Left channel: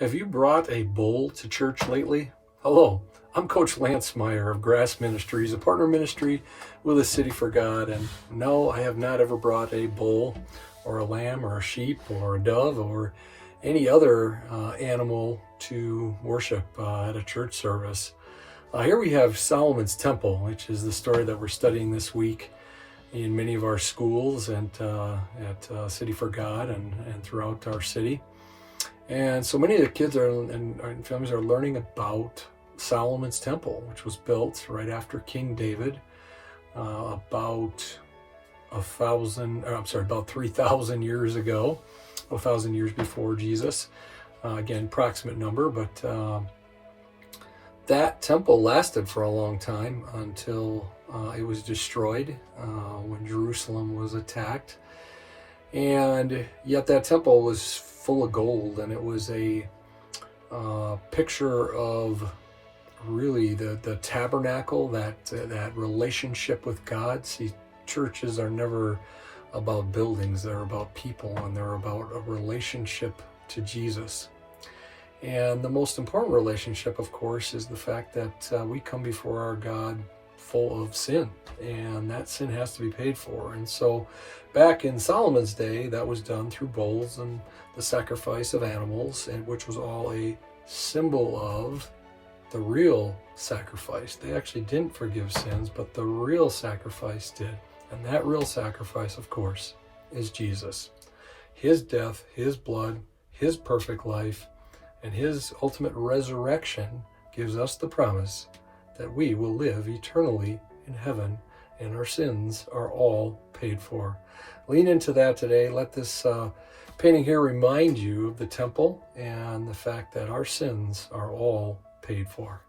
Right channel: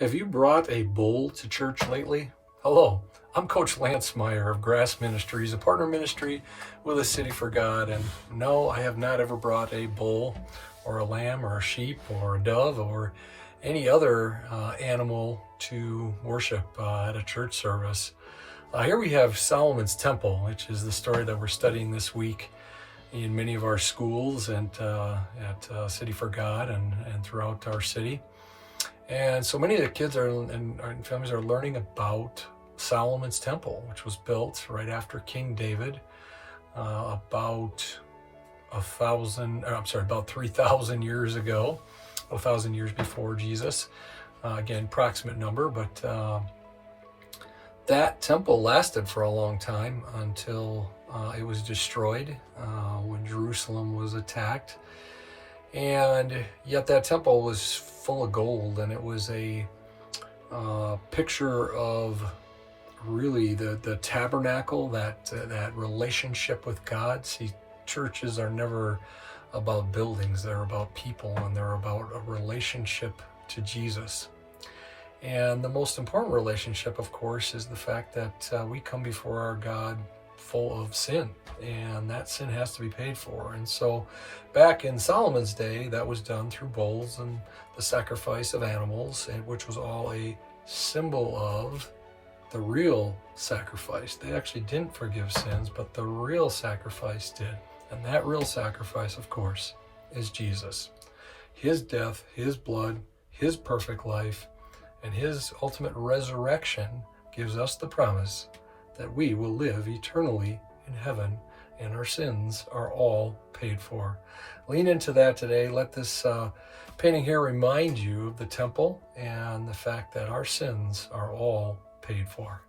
Have you brought a bowl to church lately? Hello, I'm Coach Lance Meyer of Grass Ministries, a partner ministry with a City for God. And no, I have not ever brought a bull or a lamb or a sheep or a dove or any other animal to worship at a church service. Here we have Solomon's Temple, which is the story that we're studying this week in many of our schools and at City for God and throughout our city. And so many of the kids and families are learning about Solomon's Temple, which was built right after King David, about 3,000 years ago, 1,000 years before Jesus. Again, approximate number, but that temple lasted for a long time until it was destroyed when Jerusalem was attacked. And yet that temple was full of gold, and it was a picture of really the tabernacle, that relationship with God. See, churches are never about buildings, they're about people, and they're about a relationship to Jesus. And the most important relationship, of course, is the fact that we come before our God full of sin, and that sin has to be paid for. And so back in Solomon's day, that was done through bulls and the sacrifice of animals, which was all a symbol of the real sacrifice. They actually didn't forgive sins, but the real sacrifice did. And that real sacrifice, of course, is Jesus. His death, his blood, his perfect life, and his ultimate resurrection gives us the promise that we will live eternally in heaven, and our sins are all paid for. Lean into that today. Let this painting here remind you of the temple and the fact that our sins are all paid for.